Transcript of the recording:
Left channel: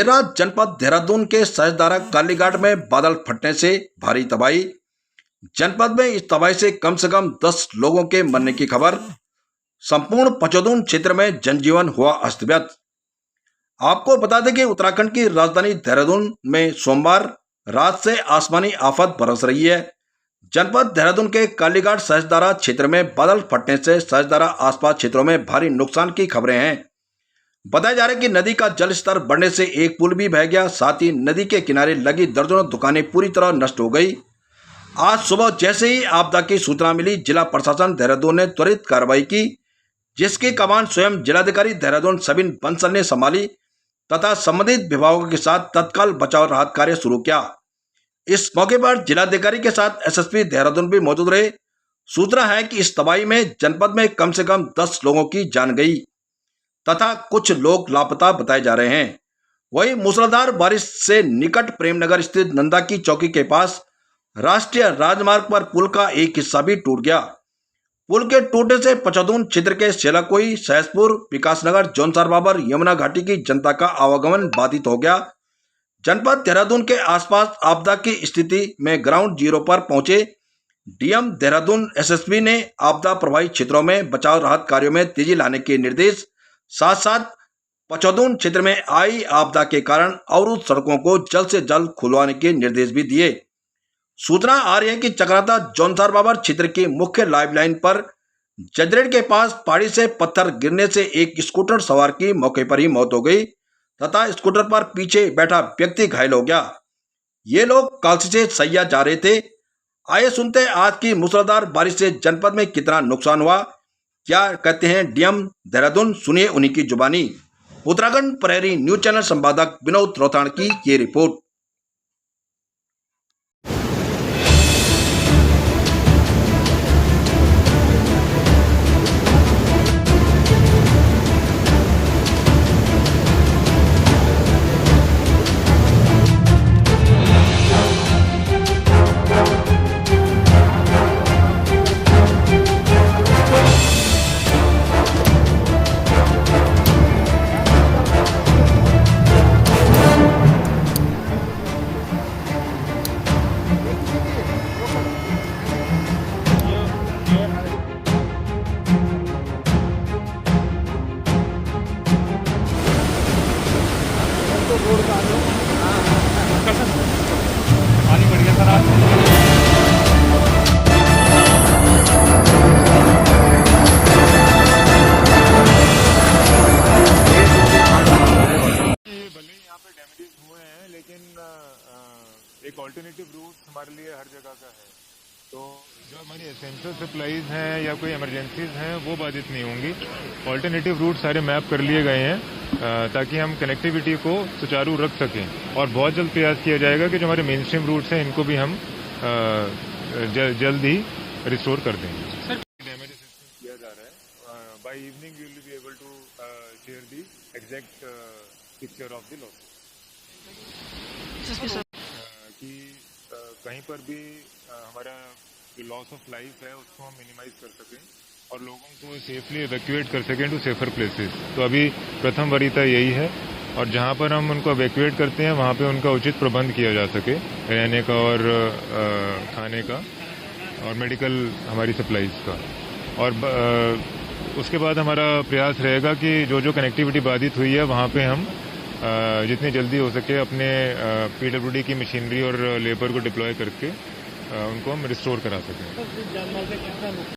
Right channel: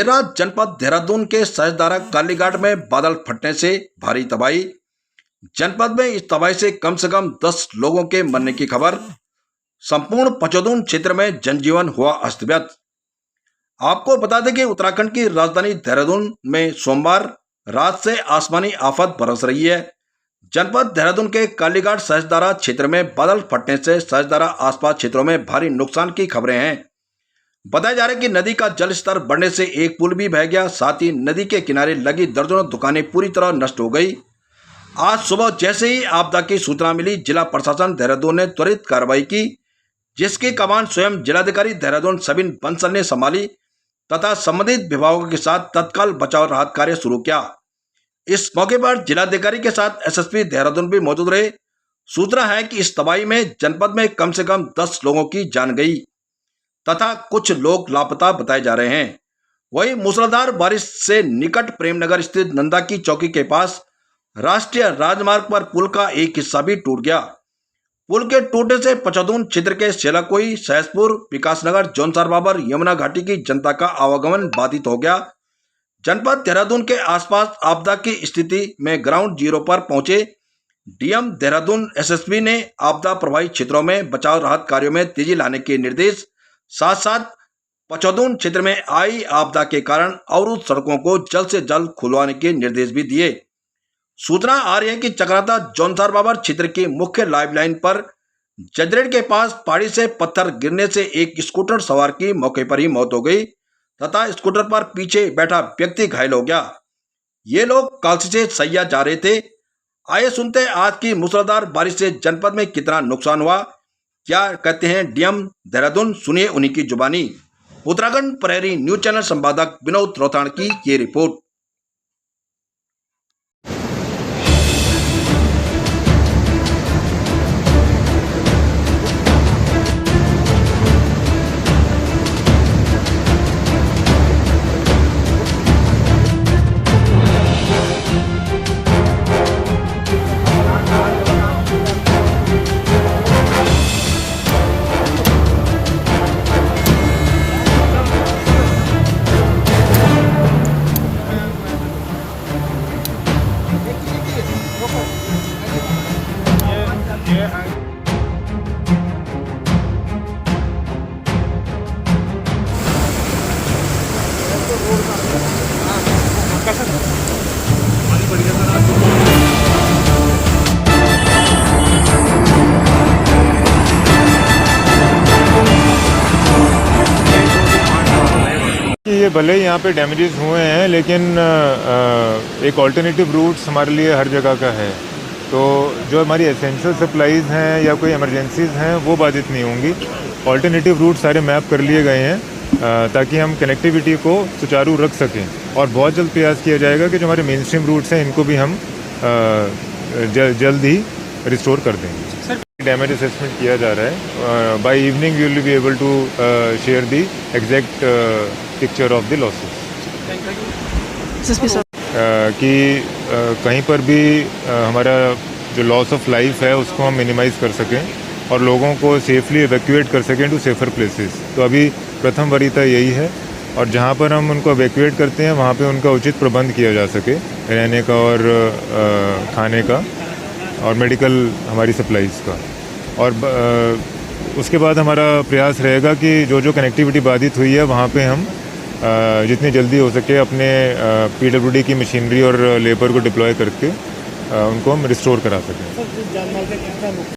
देर रात जनपद देहरादून के सहजदारा कालीघाट में बादल फटने से भारी तबाही। जनपद में इस तबाही से कम 10 लोगों के मरने की खबर। संपूर्ण पचौदून क्षेत्र में जनजीवन हुआ अस्त व्यस्त। आपको बता दें कि उत्तराखंड की राजधानी देहरादून में सोमवार रात से आसमानी आफत बरस रही है। जनपद देहरादून के कालीघाट सहजदारा क्षेत्र में बादल फटने से सहजदारा आसपास क्षेत्रों में भारी नुकसान की खबरें हैं। बताया जा रहा है कि नदी का जल स्तर बढ़ने से एक पुल भी बह गया, साथ ही नदी के किनारे लगी दर्जनों दुकानें पूरी तरह नष्ट हो गई। आज सुबह जैसे ही आपदा की सूचना मिली, जिला प्रशासन देहरादून ने त्वरित कार्रवाई की, जिसकी कमान स्वयं जिलाधिकारी देहरादून सबिन बंसल ने संभाली तथा संबंधित विभागों के साथ तत्काल बचाव राहत कार्य शुरू किया। इस मौके पर जिलाधिकारी के साथ एसएसपी देहरादून भी मौजूद रहे। सूचना है कि इस तबाही में जनपद में कम से कम 10 लोगों की जान गई तथा कुछ लोग लापता बताए जा रहे हैं। वहीं मूसलाधार बारिश से निकट प्रेमनगर स्थित नंदा की चौकी के पास राष्ट्रीय राजमार्ग पर पुल का एक हिस्सा भी टूट गया। पुल के टूटने से पचौदून क्षेत्र के सेलाकोई, सहसपुर, विकासनगर, जौनसार बाबर, यमुना घाटी की जनता का आवागमन बाधित हो गया। जनपद देहरादून के आसपास आपदा की स्थिति में ग्राउंड जीरो पर पहुंचे डीएम देहरादून एसएसपी ने आपदा प्रभावित क्षेत्रों में बचाव राहत कार्यों में तेजी लाने के निर्देश, साथ साथ पचौदून क्षेत्र में आई आपदा के कारण अवरुद्ध सड़कों को जल्द से जल्द खुलवाने के निर्देश भी दिए। सूचना आ रही है कि चक्राता जौनसार बाबर क्षेत्र की मुख्य लाइफलाइन पर जजरेट के पास पहाड़ी से पत्थर गिरने से एक स्कूटर सवार की मौके पर ही मौत हो गई तथा स्कूटर पर पीछे बैठा व्यक्ति घायल हो गया। ये लोग कालसी से सैया जा रहे थे। आइए सुनते हैं आज की मूसलाधार बारिश से जनपद में कितना नुकसान हुआ, क्या कहते हैं डीएम देहरादून, सुनिए उन्हीं की जुबानी। उत्तराखंड प्रहरी न्यूज चैनल संपादक विनोद रोहताण की ये रिपोर्ट। ये भले ही यहाँ पे डैमेजेस हुए हैं, लेकिन एक ऑल्टरनेटिव रूट्स हमारे लिए हर जगह का है। तो जो हमारी एसेंशियल सप्लाईज़ हैं या कोई इमरजेंसीज़ हैं वो बाधित नहीं होंगी। ऑल्टरनेटिव रूट सारे मैप कर लिए गए हैं ताकि हम कनेक्टिविटी को सुचारू रख सकें, और बहुत जल्द प्रयास किया जाएगा कि जो हमारे मेन स्ट्रीम रूट्स हैं इनको भी हम जल्द ही रिस्टोर कर देंगे। डैमेज असेसमेंट किया जा रहा है। By evening we will be able to share the exact picture of the losses, कि कहीं पर भी हमारा जो लॉस ऑफ लाइफ है उसको हम मिनिमाइज कर सकें और लोगों को सेफली इवैक्यूएट कर सकें टू सेफर प्लेसेस। तो अभी प्रथम वरीयता यही है, और जहाँ पर हम उनको इवैक्यूएट करते हैं वहाँ पे उनका उचित प्रबंध किया जा सके, रहने का और खाने का और मेडिकल हमारी सप्लाईज़ का। और उसके बाद हमारा प्रयास रहेगा कि जो जो कनेक्टिविटी बाधित हुई है वहाँ पे हम जितनी जल्दी हो सके अपने पीडब्ल्यूडी की मशीनरी और लेबर को डिप्लॉय करके उनको हम रिस्टोर करा सकें।